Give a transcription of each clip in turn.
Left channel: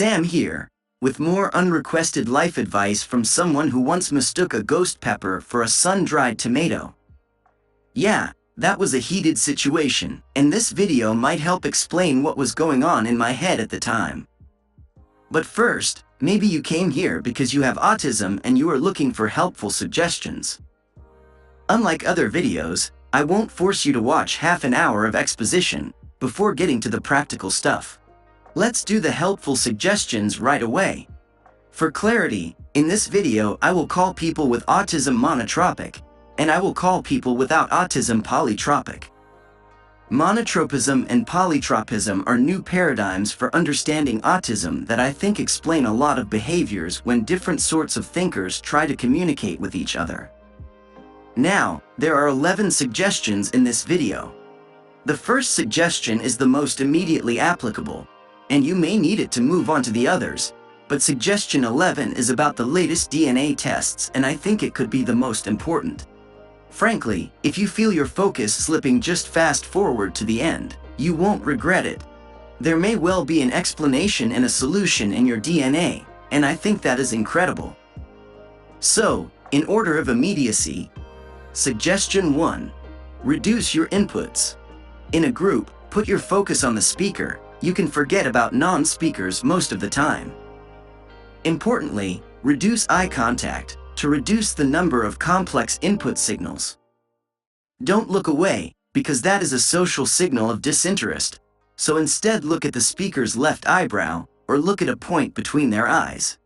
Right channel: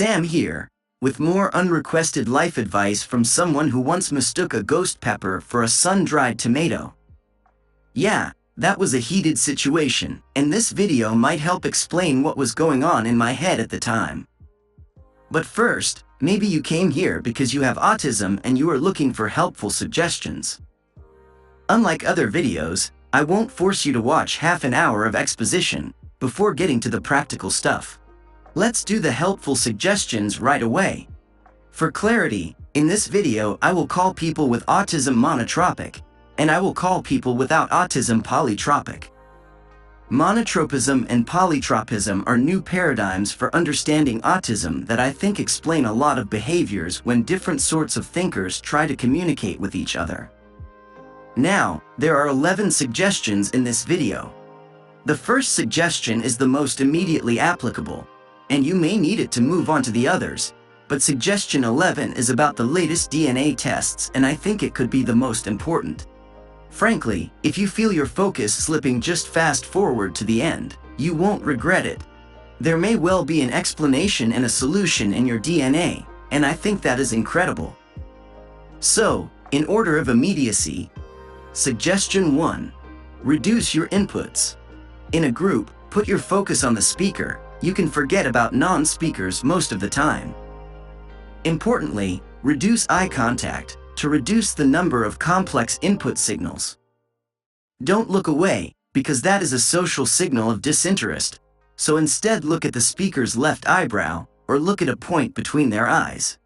Sam here, with more unrequested life advice from someone who once mistook a ghost pepper for a sun-dried tomato. Yeah, that was a heated situation, and this video might help explain what was going on in my head at the time. But first, maybe you came here because you have autism and you are looking for helpful suggestions. Unlike other videos, I won't force you to watch half an hour of exposition before getting to the practical stuff. Let's do the helpful suggestions right away. For clarity, in this video I will call people with autism monotropic, and I will call people without autism polytropic. Monotropism and polytropism are new paradigms for understanding autism that I think explain a lot of behaviors when different sorts of thinkers try to communicate with each other. Now, there are 11 suggestions in this video. The first suggestion is the most immediately applicable, and you may need it to move on to the others, but suggestion 11 is about the latest DNA tests, and I think it could be the most important. Frankly, if you feel your focus slipping, just fast forward to the end. You won't regret it. There may well be an explanation and a solution in your DNA, and I think that is incredible. So, in order of immediacy, suggestion 1. Reduce your inputs. In a group, put your focus on the speaker. You can forget about non-speakers most of the time. Importantly, reduce eye contact to reduce the number of complex input signals. Don't look away, because that is a social signal of disinterest, so instead look at the speaker's left eyebrow, or look at a point between their eyes.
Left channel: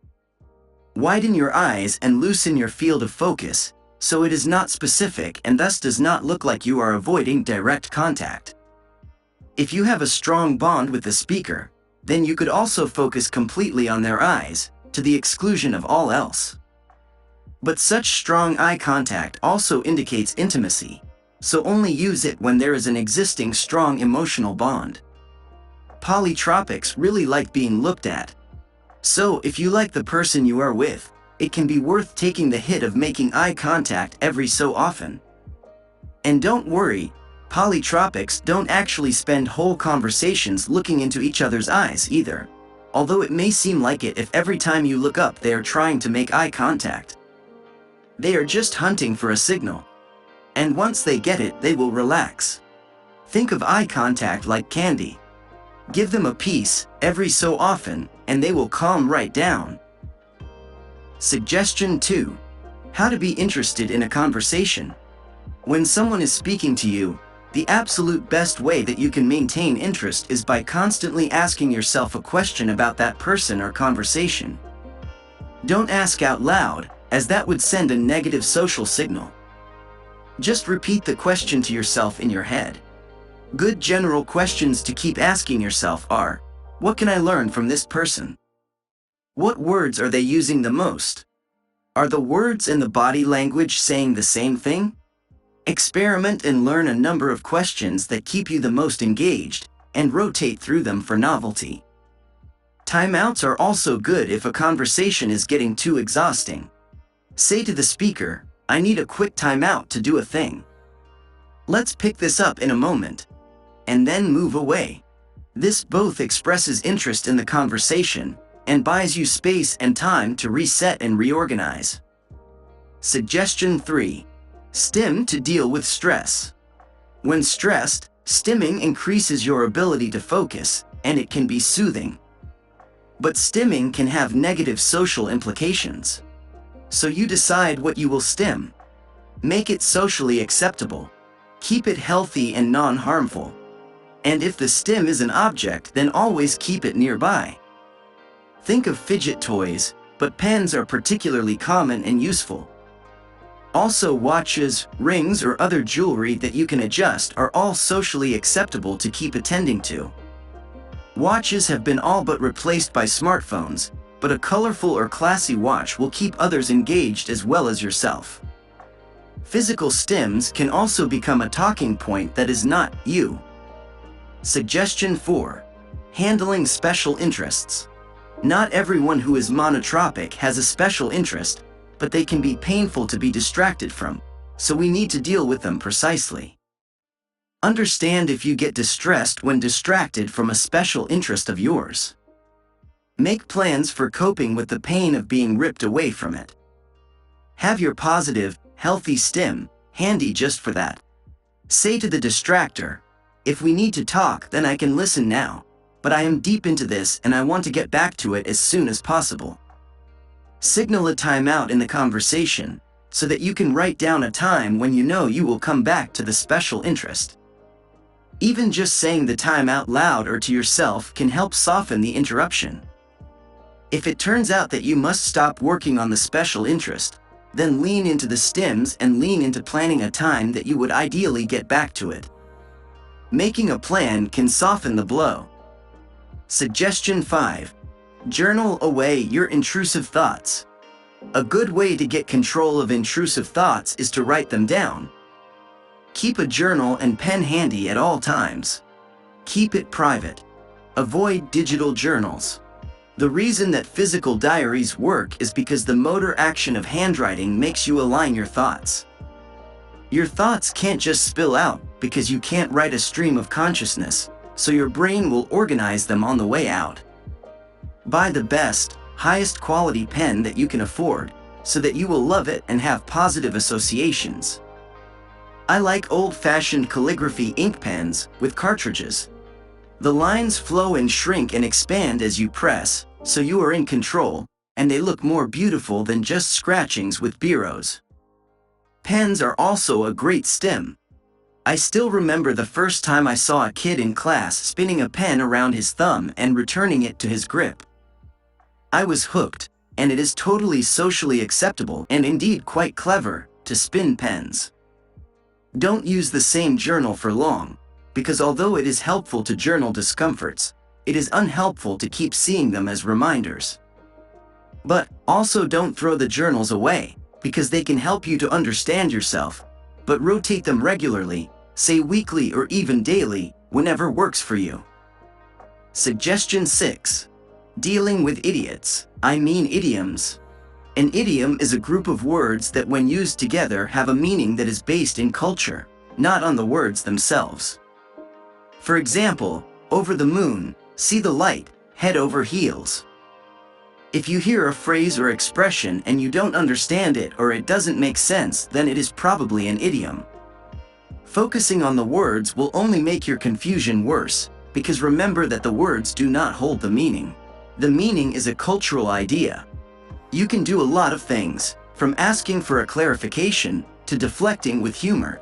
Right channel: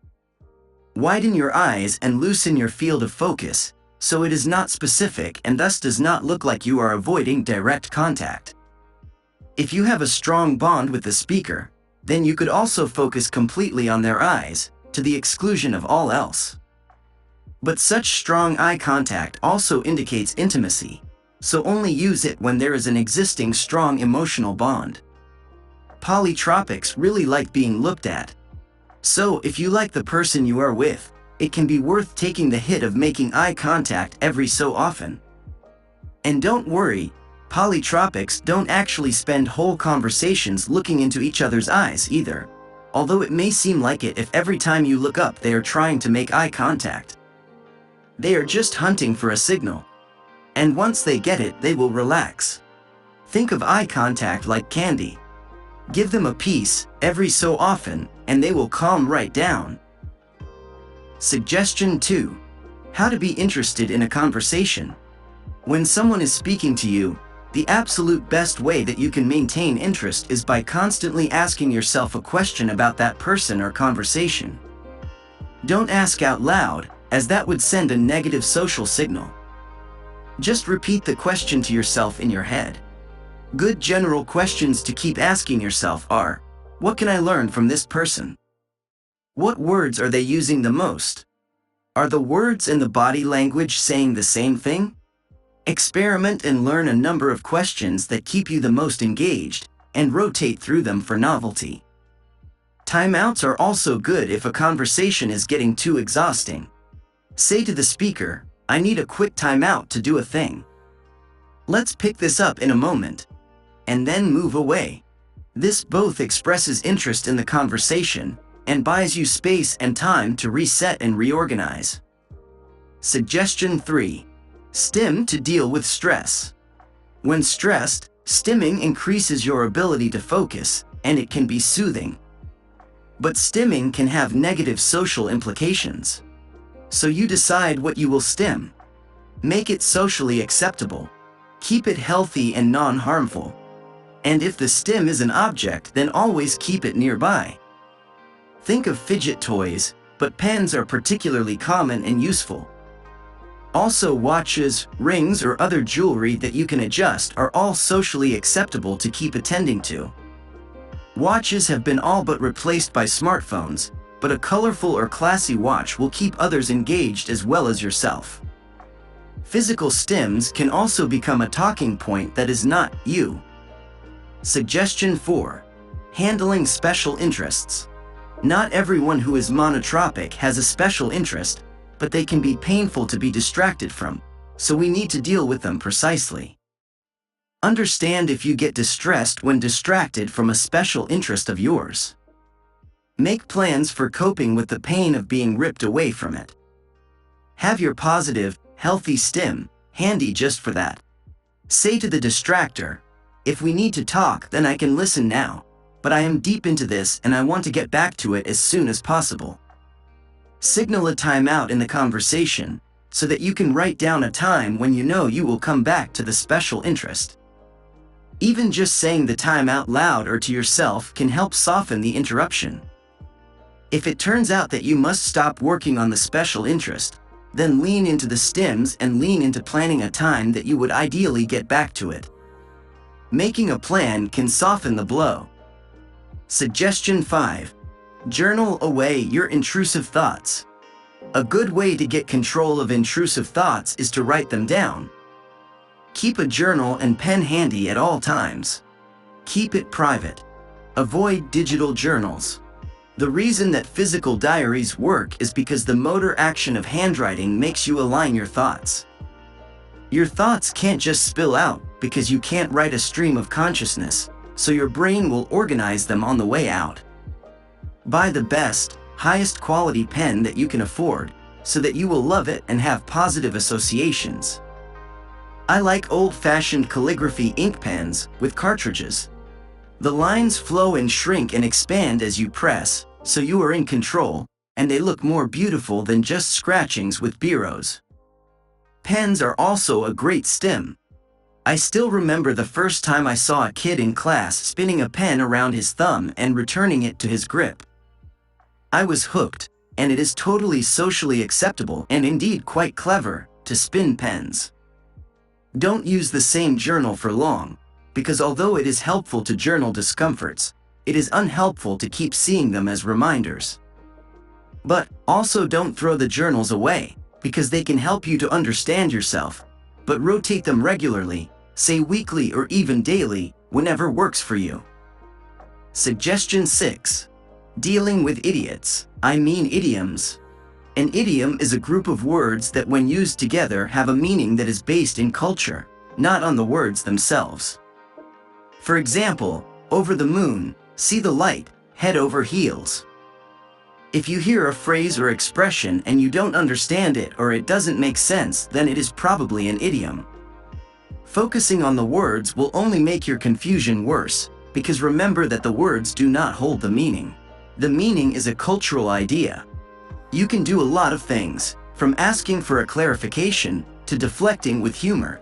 Widen your eyes and loosen your field of focus, so it is not specific and thus does not look like you are avoiding direct contact. If you have a strong bond with the speaker, then you could also focus completely on their eyes, to the exclusion of all else. But such strong eye contact also indicates intimacy, so only use it when there is an existing strong emotional bond. Polytropics really like being looked at. So if you like the person you are with, it can be worth taking the hit of making eye contact every so often. And don't worry, polytropics don't actually spend whole conversations looking into each other's eyes either, although it may seem like it if every time you look up they are trying to make eye contact. They are just hunting for a signal. And once they get it, they will relax. Think of eye contact like candy. Give them a piece every so often, and they will calm right down. Suggestion 2. How to be interested in a conversation. When someone is speaking to you, the absolute best way that you can maintain interest is by constantly asking yourself a question about that person or conversation. Don't ask out loud, as that would send a negative social signal. Just repeat the question to yourself in your head. Good general questions to keep asking yourself are, what can I learn from this person? What words are they using the most? Are the words and the body language saying the same thing? Experiment and learn a number of questions that keep you the most engaged, and rotate through them for novelty. Timeouts are also good if a conversation is getting too exhausting. Say to the speaker, I need a quick timeout to do a thing. Let's pick this up in a moment. And then move away. This both expresses interest in the conversation and buys you space and time to reset and reorganize. Suggestion 3. Stim to deal with stress. When stressed, stimming increases your ability to focus, and it can be soothing. But stimming can have negative social implications. So you decide what you will stim. Make it socially acceptable. Keep it healthy and non-harmful. And if the stim is an object, then always keep it nearby. Think of fidget toys, but pens are particularly common and useful. Also, watches, rings, or other jewelry that you can adjust are all socially acceptable to keep attending to. Watches have been all but replaced by smartphones, but a colorful or classy watch will keep others engaged as well as yourself. Physical stims can also become a talking point that is not you. Suggestion 4. Handling special interests. Not everyone who is monotropic has a special interest, but they can be painful to be distracted from, so we need to deal with them precisely. Understand if you get distressed when distracted from a special interest of yours. Make plans for coping with the pain of being ripped away from it. Have your positive, healthy stim handy just for that. Say to the distractor, "If we need to talk, then I can listen now, but I am deep into this and I want to get back to it as soon as possible." Signal a timeout in the conversation so that you can write down a time when you know you will come back to the special interest. Even just saying the time out loud or to yourself can help soften the interruption. If it turns out that you must stop working on the special interest, then lean into the stims and lean into planning a time that you would ideally get back to it. Making a plan can soften the blow. Suggestion 5. Journal away your intrusive thoughts. A good way to get control of intrusive thoughts is to write them down. Keep a journal and pen handy at all times. Keep it private. Avoid digital journals. The reason that physical diaries work is because the motor action of handwriting makes you align your thoughts. Your thoughts can't just spill out because you can't write a stream of consciousness, so your brain will organize them on the way out. Buy the best, highest quality pen that you can afford, so that you will love it and have positive associations. I like old-fashioned calligraphy ink pens with cartridges. The lines flow and shrink and expand as you press, so you are in control, and they look more beautiful than just scratchings with biros. Pens are also a great stim. I still remember the first time I saw a kid in class spinning a pen around his thumb and returning it to his grip. I was hooked, and it is totally socially acceptable and indeed quite clever to spin pens. Don't use the same journal for long, because although it is helpful to journal discomforts, it is unhelpful to keep seeing them as reminders. But also don't throw the journals away, because they can help you to understand yourself, but rotate them regularly, say weekly or even daily, whenever works for you. Suggestion 6. Dealing with idiots, I mean idioms. An idiom is a group of words that when used together have a meaning that is based in culture, not on the words themselves. For example, over the moon, see the light, head over heels. If you hear a phrase or expression and you don't understand it or it doesn't make sense, then it is probably an idiom. Focusing on the words will only make your confusion worse, because remember that the words do not hold the meaning. The meaning is a cultural idea. You can do a lot of things, from asking for a clarification to deflecting with humor.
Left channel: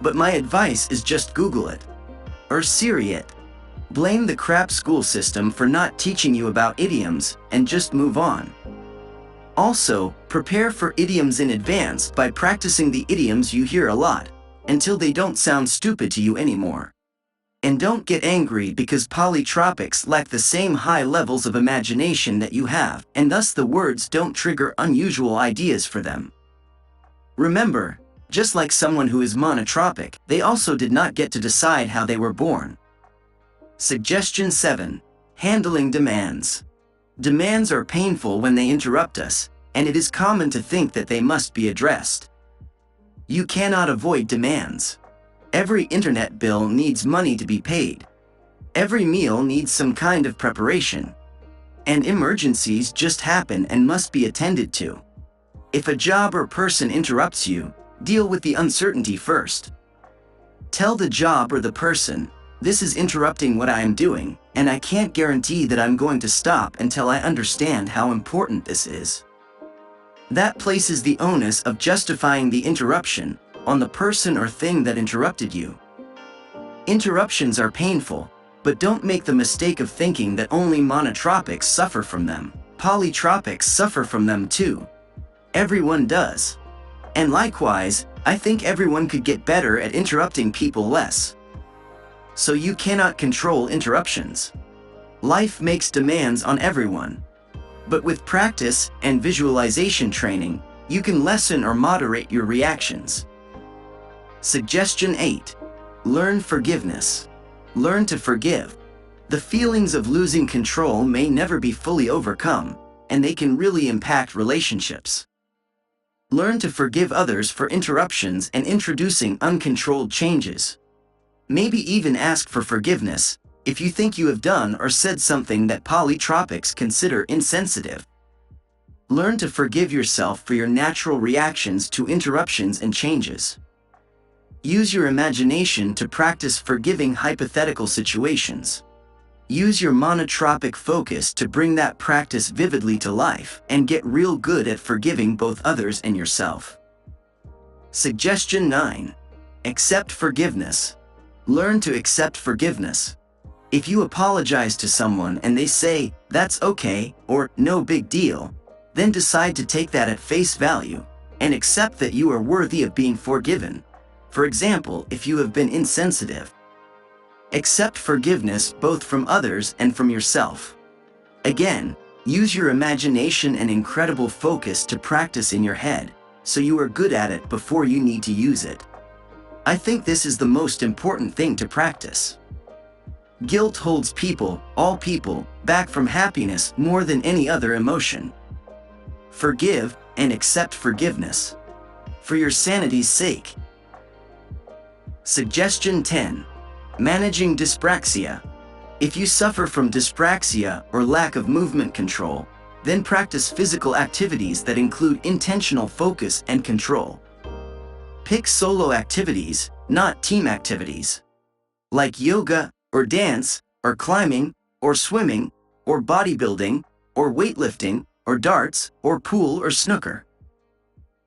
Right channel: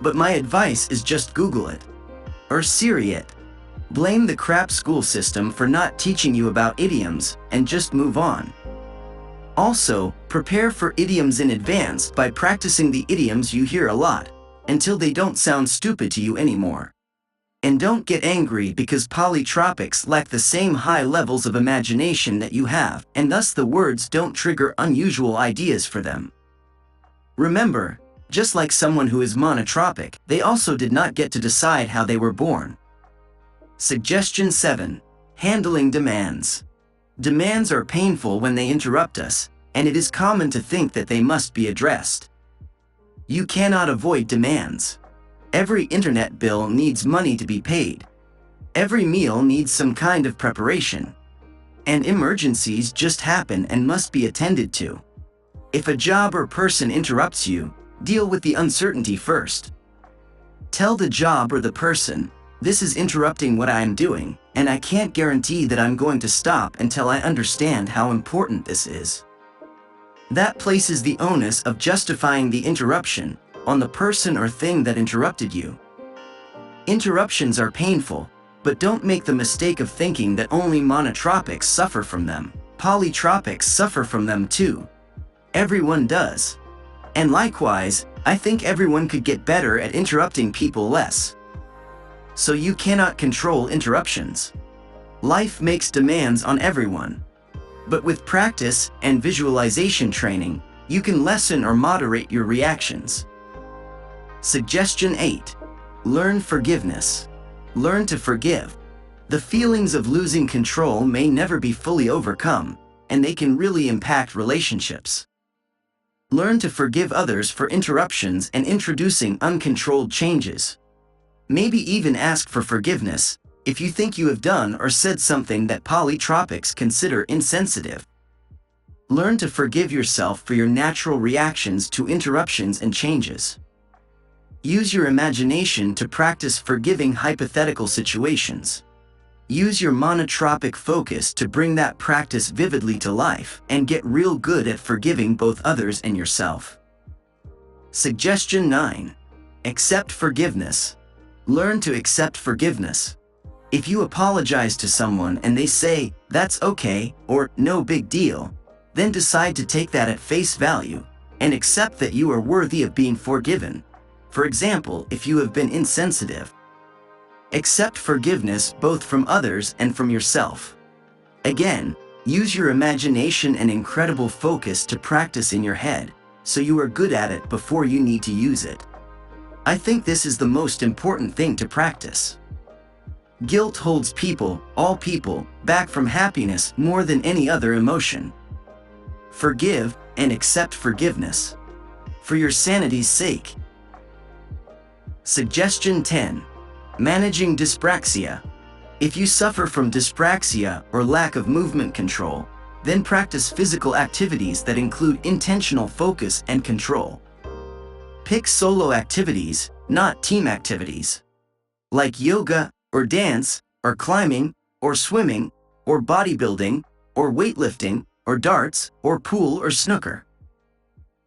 But my advice is just Google it. Or Siri it. Blame the crap school system for not teaching you about idioms and just move on. Also, prepare for idioms in advance by practicing the idioms you hear a lot, until they don't sound stupid to you anymore. And don't get angry because polytropics lack the same high levels of imagination that you have, and thus the words don't trigger unusual ideas for them. Remember, just like someone who is monotropic, they also did not get to decide how they were born. Suggestion 7. Handling demands. Demands are painful when they interrupt us, and it is common to think that they must be addressed. You cannot avoid demands. Every internet bill needs money to be paid. Every meal needs some kind of preparation. And emergencies just happen and must be attended to. If a job or person interrupts you, deal with the uncertainty first. Tell the job or the person, "This is interrupting what I am doing, and I can't guarantee that I'm going to stop until I understand how important this is." That places the onus of justifying the interruption on the person or thing that interrupted you. Interruptions are painful, but don't make the mistake of thinking that only monotropics suffer from them. Polytropics suffer from them too. Everyone does. And likewise, I think everyone could get better at interrupting people less. So you cannot control interruptions. Life makes demands on everyone. But with practice and visualization training, you can lessen or moderate your reactions. Suggestion 8. Learn forgiveness. Learn to forgive. The feelings of losing control may never be fully overcome, and they can really impact relationships. Learn to forgive others for interruptions and introducing uncontrolled changes. Maybe even ask for forgiveness if you think you have done or said something that polytropics consider insensitive. Learn to forgive yourself for your natural reactions to interruptions and changes. Use your imagination to practice forgiving hypothetical situations. Use your monotropic focus to bring that practice vividly to life and get real good at forgiving both others and yourself. Suggestion 9. Accept forgiveness. Learn to accept forgiveness. If you apologize to someone and they say, "That's okay," or "No big deal," then decide to take that at face value and accept that you are worthy of being forgiven. For example, if you have been insensitive. Accept forgiveness both from others and from yourself. Again, use your imagination and incredible focus to practice in your head, so you are good at it before you need to use it. I think this is the most important thing to practice. Guilt holds people, all people, back from happiness more than any other emotion. Forgive and accept forgiveness. For your sanity's sake. Suggestion 10. Managing dyspraxia. If you suffer from dyspraxia or lack of movement control, then practice physical activities that include intentional focus and control. Pick solo activities, not team activities, like yoga, or dance, or climbing, or swimming, or bodybuilding, or weightlifting, or darts, or pool or snooker.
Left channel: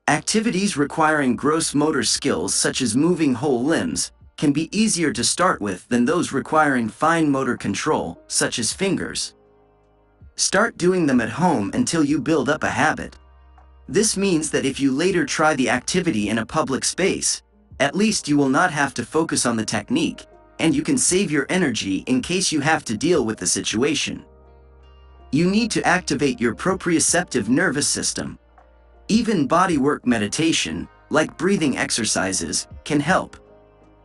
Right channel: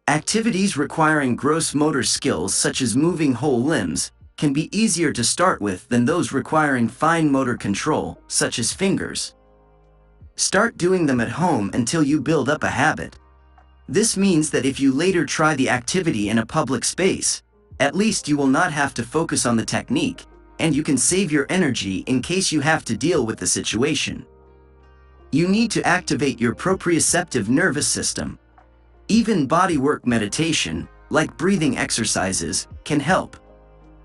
Activities requiring gross motor skills such as moving whole limbs can be easier to start with than those requiring fine motor control, such as fingers. Start doing them at home until you build up a habit. This means that if you later try the activity in a public space, at least you will not have to focus on the technique, and you can save your energy in case you have to deal with the situation. You need to activate your proprioceptive nervous system. Even bodywork meditation, like breathing exercises, can help.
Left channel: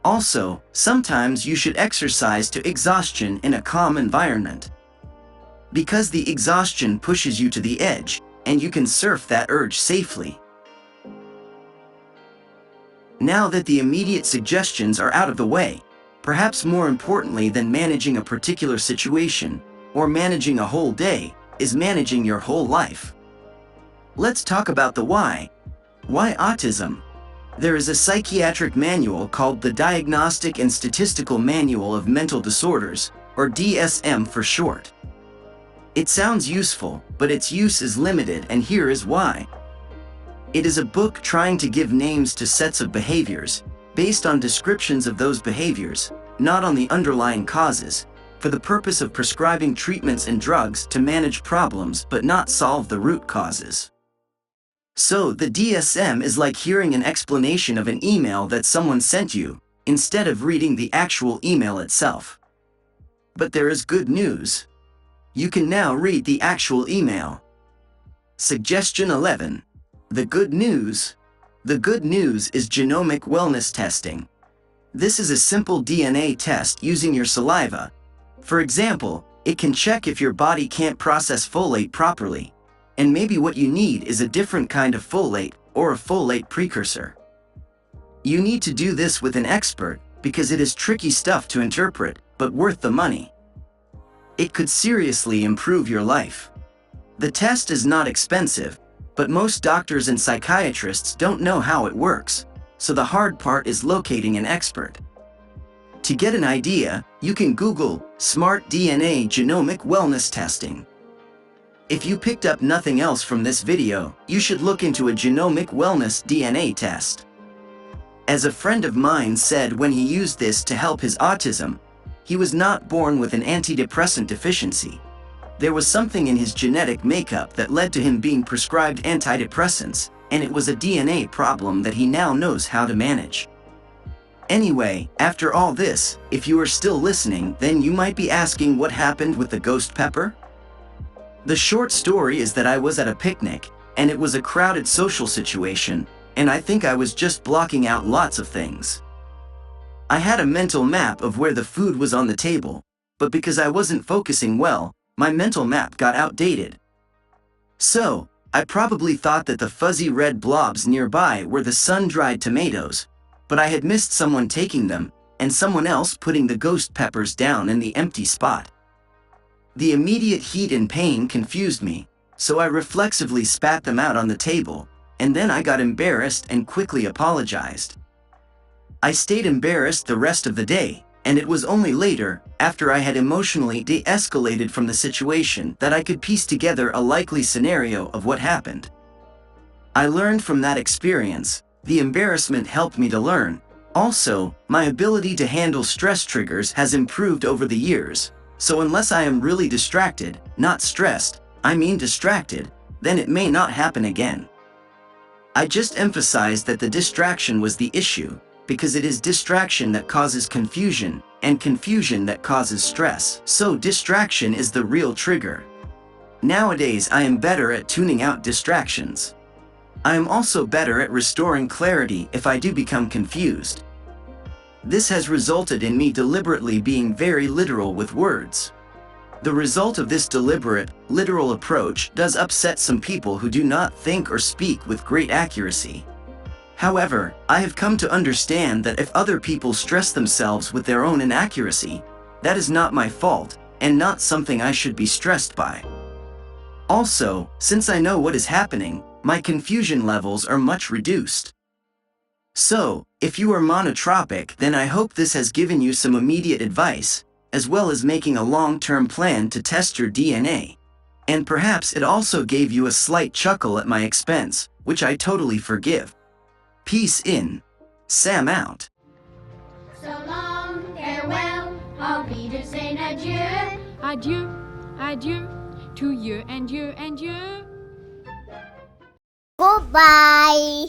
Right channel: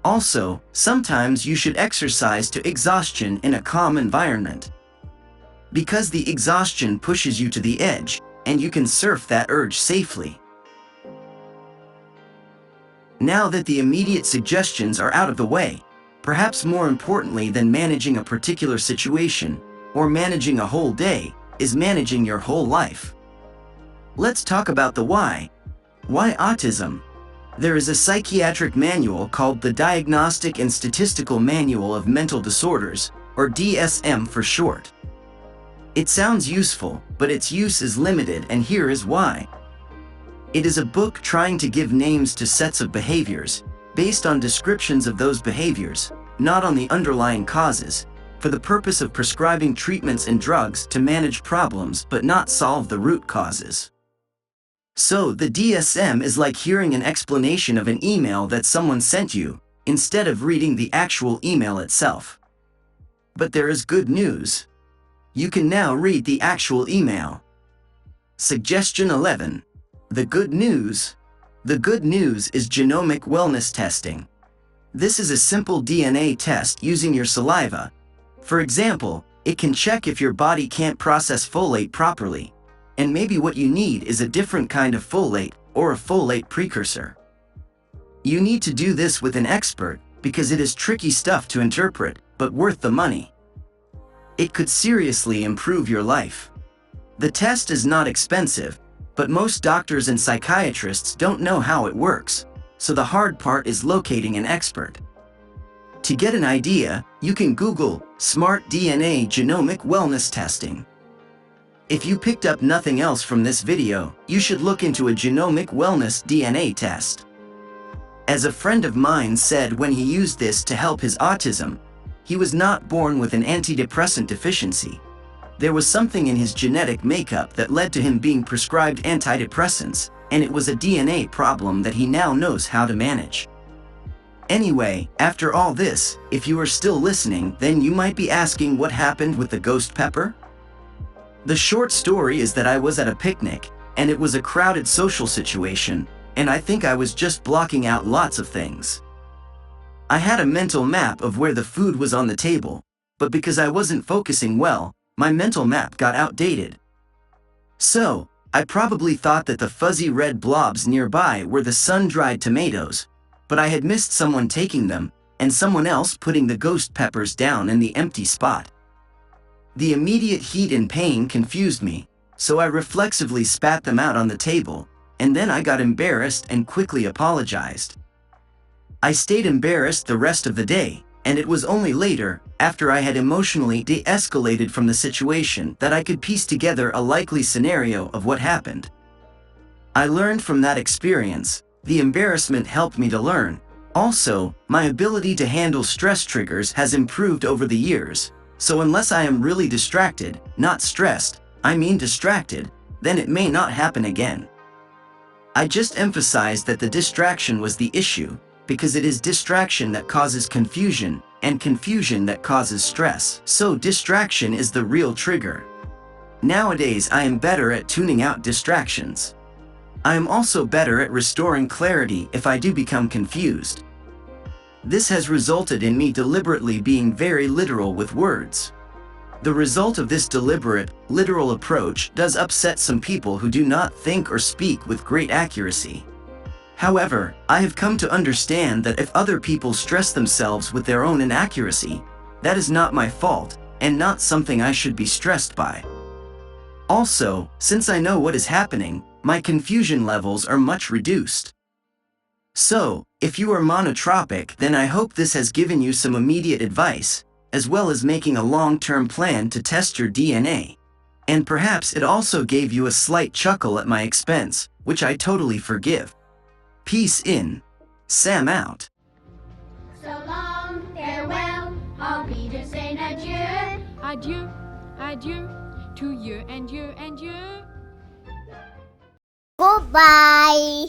Also, sometimes you should exercise to exhaustion in a calm environment, because the exhaustion pushes you to the edge, and you can surf that urge safely. Now that the immediate suggestions are out of the way, perhaps more importantly than managing a particular situation, or managing a whole day, is managing your whole life. Let's talk about the why. Why autism? There is a psychiatric manual called the Diagnostic and Statistical Manual of Mental Disorders, or DSM for short. It sounds useful, but its use is limited, and here is why. It is a book trying to give names to sets of behaviors, based on descriptions of those behaviors, not on the underlying causes, for the purpose of prescribing treatments and drugs to manage problems but not solve the root causes. So the DSM is like hearing an explanation of an email that someone sent you, instead of reading the actual email itself. But there is good news. You can now read the actual email. Suggestion 11. The good news. The good news is genomic wellness testing. This is a simple DNA test using your saliva. For example, it can check if your body can't process folate properly, and maybe what you need is a different kind of folate or a folate precursor. You need to do this with an expert because it is tricky stuff to interpret, but worth the money. It could seriously improve your life. The test is not expensive, but most doctors and psychiatrists don't know how it works, so the hard part is locating an expert. To get an idea, you can Google Smart DNA Genomic Wellness Testing. If you picked up nothing else from this video, you should look into a genomic wellness DNA test. As a friend of mine said when he used this to help his autism, he was not born with an antidepressant deficiency. There was something in his genetic makeup that led to him being prescribed antidepressants, and it was a DNA problem that he now knows how to manage. Anyway, after all this, if you are still listening, then you might be asking what happened with the ghost pepper? The short story is that I was at a picnic, and it was a crowded social situation, and I think I was just blocking out lots of things. I had a mental map of where the food was on the table, but because I wasn't focusing well, my mental map got outdated. So, I probably thought that the fuzzy red blobs nearby were the sun-dried tomatoes, but I had missed someone taking them, and someone else putting the ghost peppers down in the empty spot. The immediate heat and pain confused me, so I reflexively spat them out on the table, and then I got embarrassed and quickly apologized. I stayed embarrassed the rest of the day, and it was only later, after I had emotionally de-escalated from the situation, that I could piece together a likely scenario of what happened. I learned from that experience. The embarrassment helped me to learn. Also, my ability to handle stress triggers has improved over the years, so unless I am really distracted, not stressed, I mean distracted, then it may not happen again. I just emphasized that the distraction was the issue, because it is distraction that causes confusion, and confusion that causes stress. So distraction is the real trigger. Nowadays I am better at tuning out distractions. I am also better at restoring clarity if I do become confused. This has resulted in me deliberately being very literal with words. The result of this deliberate, literal approach does upset some people who do not think or speak with great accuracy. However, I have come to understand that if other people stress themselves with their own inaccuracy, that is not my fault, and not something I should be stressed by. Also, since I know what is happening, my confusion levels are much reduced. So, if you are monotropic, then I hope this has given you some immediate advice, as well as making a long-term plan to test your DNA. And perhaps it also gave you a slight chuckle at my expense, which I totally forgive. Peace in. Sam out. So long, farewell, I'll be just saying adieu. Adieu, adieu, to you and you and you. Goodbye.